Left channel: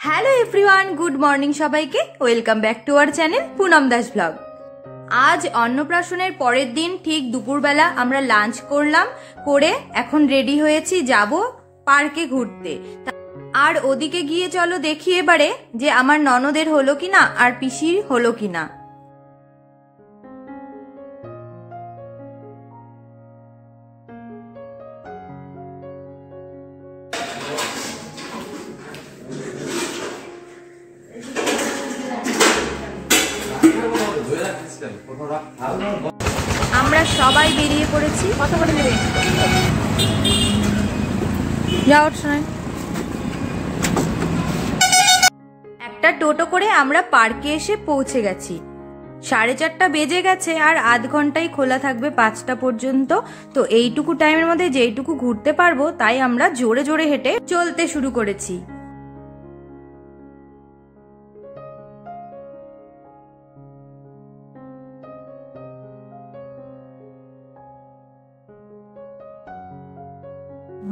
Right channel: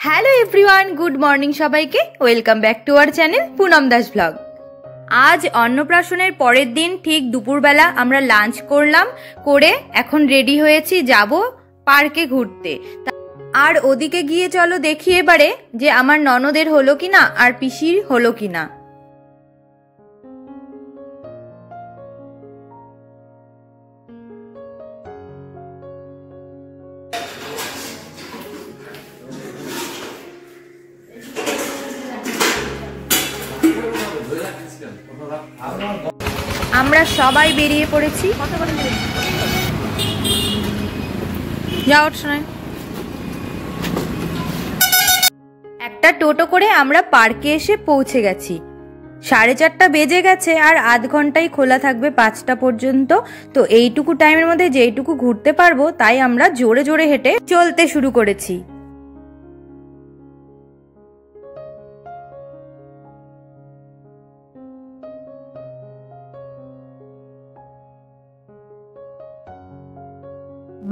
Hello everyone, good morning সবাইকে। Welcome back to our channel Poonam Das blog. আজ অন্নপ্রাশনের পরের দিন ঠিক দুপুরবেলা আমরা লাঞ্চ করলাম, করে এখন রেডি হয়েছি যাব পার্কে ঘুরতে। আর ওদিকে গিয়ে চলো দেখি এবারে যে আমার ননদের হলো কিনা আর পিসির হলো কিনা। আমরা সবাই বেরিয়ে পড়েছি। একটা টোটো করে আমরা পার্কে এসে পৌঁছে গেছি। 4:30 বেজে গেছে আর আধ ঘন্টাই খোলা থাকবে 5টা পর্যন্ত। তো এইটুকু টাইমের মধ্যে যেইটুকু ঘুরতে পারবো তাই আমরা জোরে জোরে হেঁটে চলতে শুরু করেছি।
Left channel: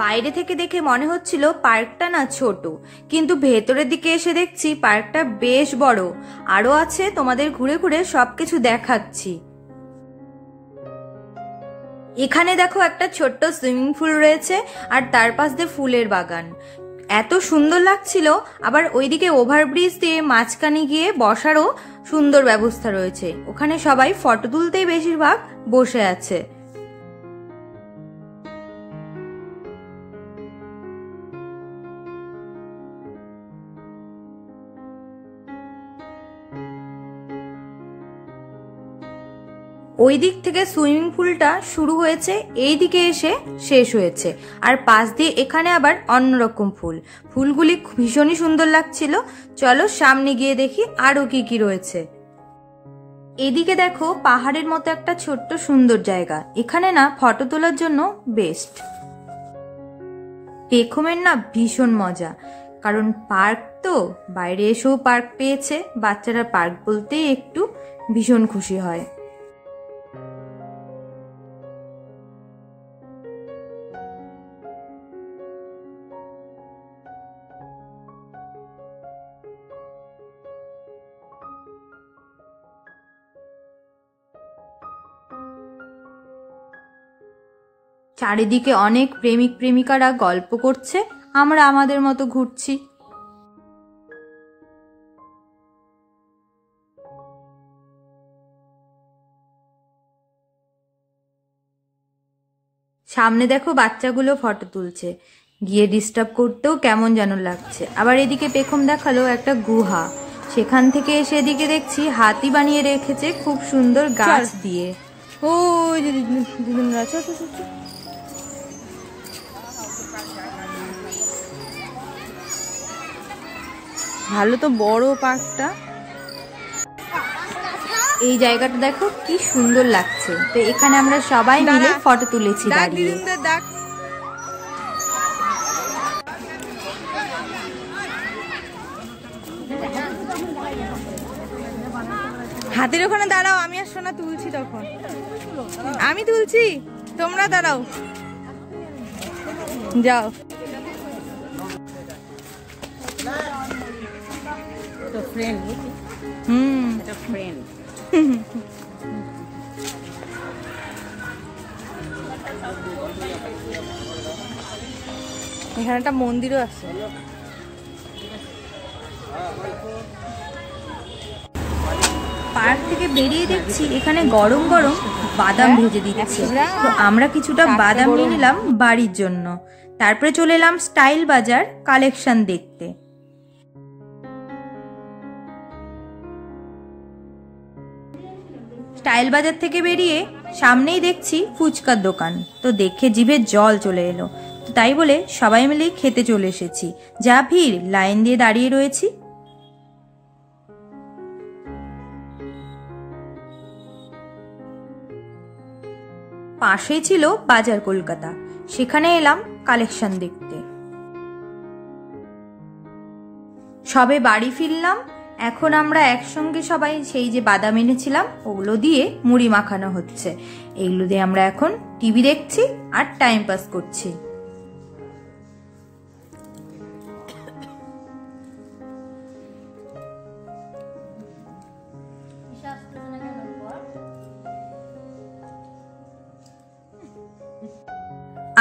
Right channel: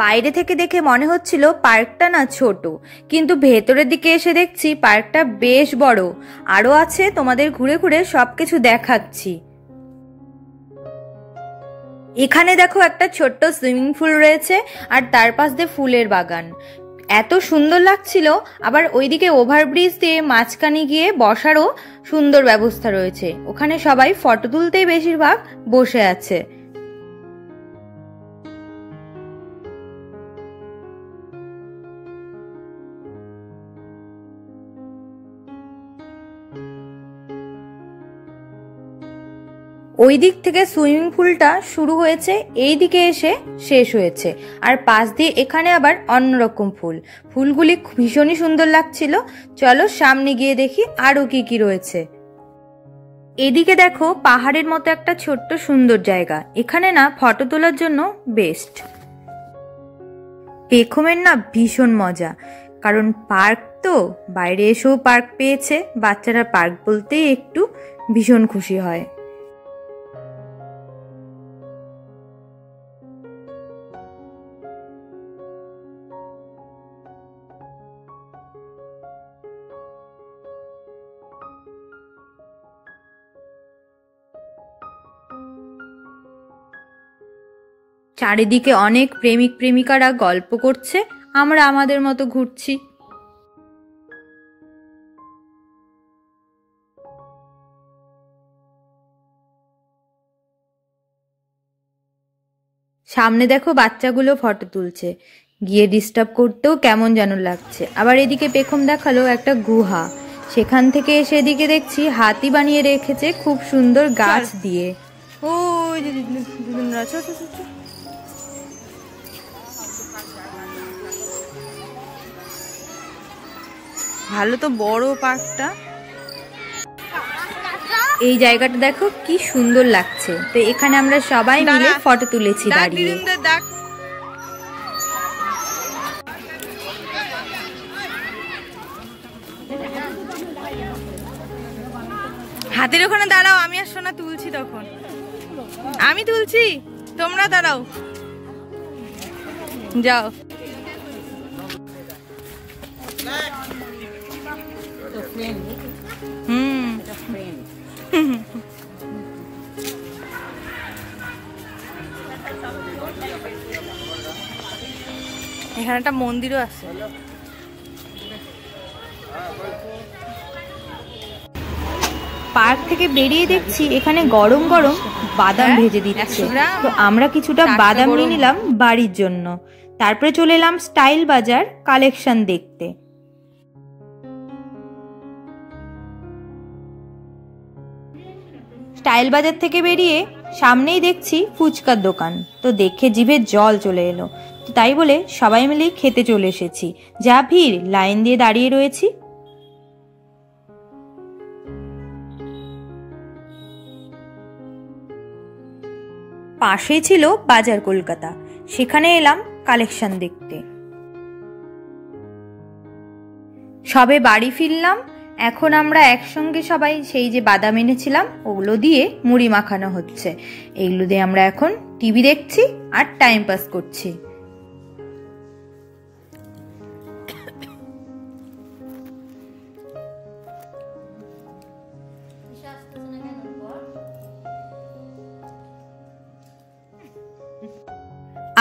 বাইরে থেকে দেখে মনে হচ্ছিল পার্কটা না ছোট, কিন্তু ভেতরের দিকে এসে দেখছি পার্কটা বেশ বড়। আরো আছে, তোমাদের ঘুরে ঘুরে সবকিছু দেখাচ্ছি। এখানে দেখো একটা ছোট্ট সুইমিং পুল রয়েছে আর তার পাশ দিয়ে ফুলের বাগান। এত সুন্দর লাগছিল। আবার ওইদিকে ওভারব্রিজ দিয়ে মাঝখানে গিয়ে বসারও সুন্দর ব্যবস্থা রয়েছে। ওখানে সবাই ফটো তুলতেই বেশিরভাগ বসে আছে। ওই দিক থেকে সুইমিং পুলটা শুরু হয়েছে, এই দিকে এসে শেষ হয়েছে। আর পাশ দিয়ে এখানে আবার অন্যরকম ফুল, ফুলগুলি ভীষণই সুন্দর লাগছিল। চলো সামনে গিয়ে দেখি আরো কি কি রয়েছে। এদিকে দেখো পাহাড়ের মতো একটা ছোট্ট সুন্দর জায়গা, এখানে না ফটো তোলার জন্য বেস্ট। পেখমের না ভীষণ মজা, কারণ পার্ক তো, বাইরে এসেও পার্ক পেয়েছে। বাচ্চারা পার্ক বলতেই একটু ভীষণ খুশি হয়। চারিদিকে অনেক প্রেমিক প্রেমিকারা গল্প করছে, আমরা আমাদের মতো ঘুরছি। সামনে দেখো বাচ্চাগুলো ফটো তুলছে, গিয়ে ডিস্টার্ব করতেও কেমন যেন লাগছে। আবার এদিকে পেখম দেখালো একটা গুহা, সেখান থেকে এসে এদিকে দেখছি হাতি বানিয়ে রেখেছে খুব সুন্দর গাছ দিয়ে। ও ভালো তো বড় পার্কটা। এই জায়গাটা দেখো কি সুন্দর লাগছে। তো এখানে আমরা সবাই মিলে ফটো তুলেছি দাঁড়িয়ে। হাতের ওখানে দাঁড়াও, আমি আর সোনা তুলছি। তখন আমি তুলছি, তোমরা দাঁড়াও, যাও। এখানে একটা মন্দিরও আছে। পার্ক থেকে বেরিয়ে দেখছি এখানে গরম গরম বাদাম ভেজে দিচ্ছে। তো আমরা কিছুটা বাদাম নিয়ে নিলাম বাড়ির জন্য। তারপরে চলে এলাম স্টাইল বাজার কালেকশন দেখতে। স্টাইল বাজার থেকে বেরিয়ে সামনেই দেখছি ফুচকার দোকান, তো দেখে জিভে জল চলে এলো। তো তাই বলে সবাই মিলে খেতে চলে এসেছি। যা ভিড়, লাইন দিয়ে দাঁড়িয়ে রয়েছি। পাশেই ছিল বাজার কলকাতা, সেখানে এলাম কালেকশন দেখতে। সবে বাড়ি ফিরলাম। এখন আমরা একসঙ্গে সবাই সেই যে বাদাম এনেছিলাম ওগুলো দিয়ে মুড়ি মাখানো হচ্ছে। এইগুলো দিয়ে আমরা এখন টিভি দেখছি আর টাইম পাস করছি।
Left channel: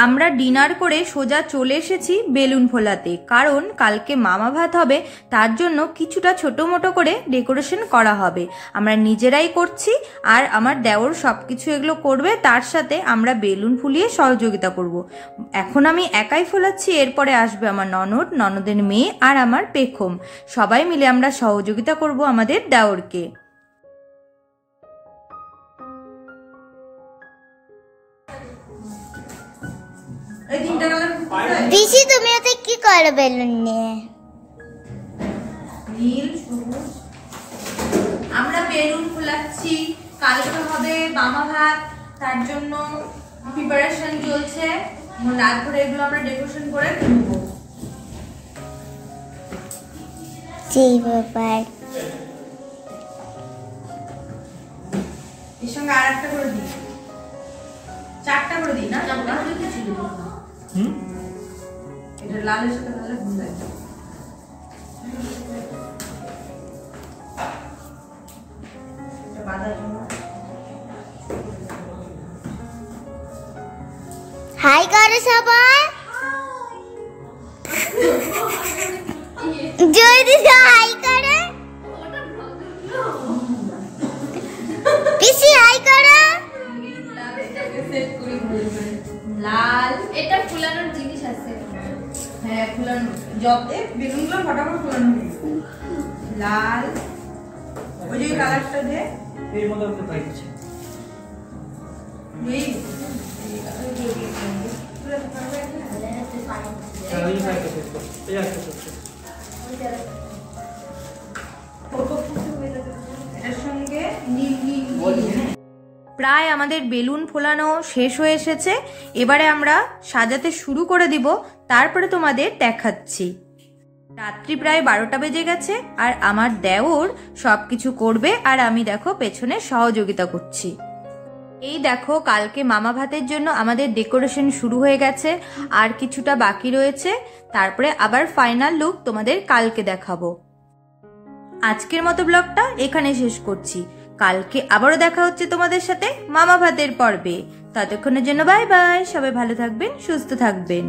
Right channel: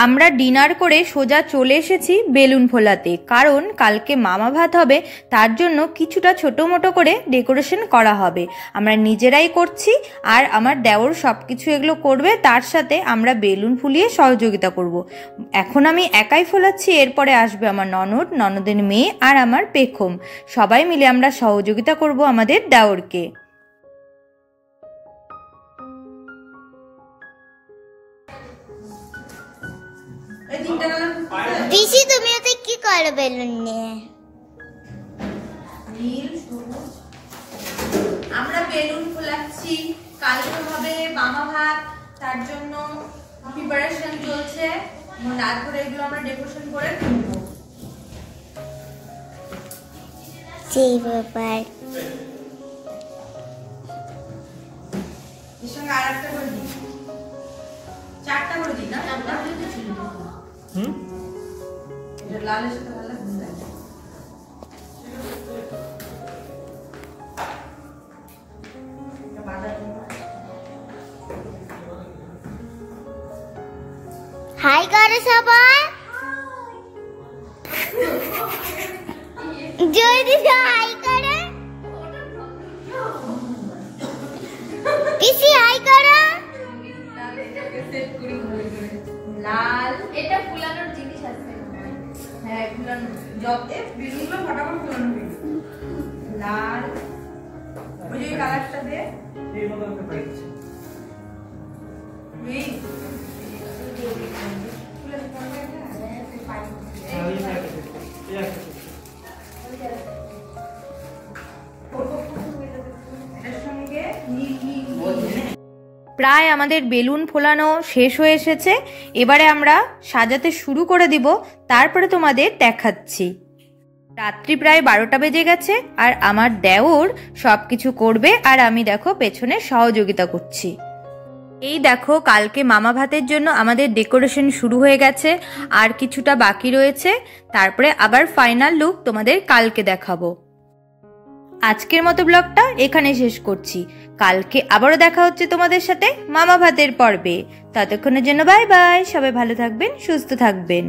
আমরা ডিনার করে সোজা চলে এসেছি বেলুন ফোলাতে, কারণ কালকে মামা ভাত হবে, তার জন্য কিছুটা ছোট মোটো করে ডেকোরেশন করা হবে। আমরা নিজেরাই করছি, আর আমার দেওর সবকিছু এগুলো করবে, তার সাথে আমরা বেলুন ফুলিয়ে সহযোগিতা করব। এখন আমি একাই ফোলাচ্ছি, এরপরে আসবে আমার ননদ, ননদের মেয়ে আর আমার পেখম। সবাই মিলে আমরা সহযোগিতা করব আমাদের দেওরকে। পিসি তুমি এতে কি করো বেলুন নিয়ে? নীল সবুজ আমরা বেলুন ফোলাচ্ছি। কালকে হবে মামা ভাত, তার জন্য প্রিপারেশন চলছে। রাত ধরে এগুলো আমরা ডেকোরেশন করে তুলবো। সেই ব্যাপার। এর সঙ্গে আর একটা করে দিই, 4টা করে দিই না? এটা লালের সাথে ভালো লাগবে। হাই করো সবাই, জয় দিদি হাই করে। পিসি হাই করো। লাল এটা ফুলানোর জিনিস আছে। হ্যাঁ ফুলানো, যত বেলুনগুলো ফটাফট ফুলানো হবে। লাল ওই যে কালারটা দে, এর মধ্যে একটা পাইছি। দুই এই পাইছি। এই একটা আছে। এটার সঙ্গে নীল নীল। প্রায় আমাদের বেলুন ফোলানো শেষ হয়ে এসেছে, এবারে আমরা সাজাতে শুরু করে দিব, তারপরে তোমাদের দেখাচ্ছি। রাত্রি প্রায় 12টা বেজে গেছে, আর আমার দেওর সবকিছু করবে, আর আমি দেখো পেছনে সহযোগিতা করছি। এই দেখো কালকে মামা ভাতের জন্য আমাদের ডেকোরেশন শুরু হয়ে গেছে, আর কিছুটা বাকি রয়েছে, তারপরে আবার ফাইনাল লুক তোমাদের কালকে দেখাবো। আজকের মতো ব্লগটা এখানে শেষ করছি। কালকে আবারও দেখা হচ্ছে তোমাদের সাথে মামা ভাতের পর্বে। ততক্ষণের জন্য বাই বাই, সবাই ভালো থাকবেন, সুস্থ থাকবেন।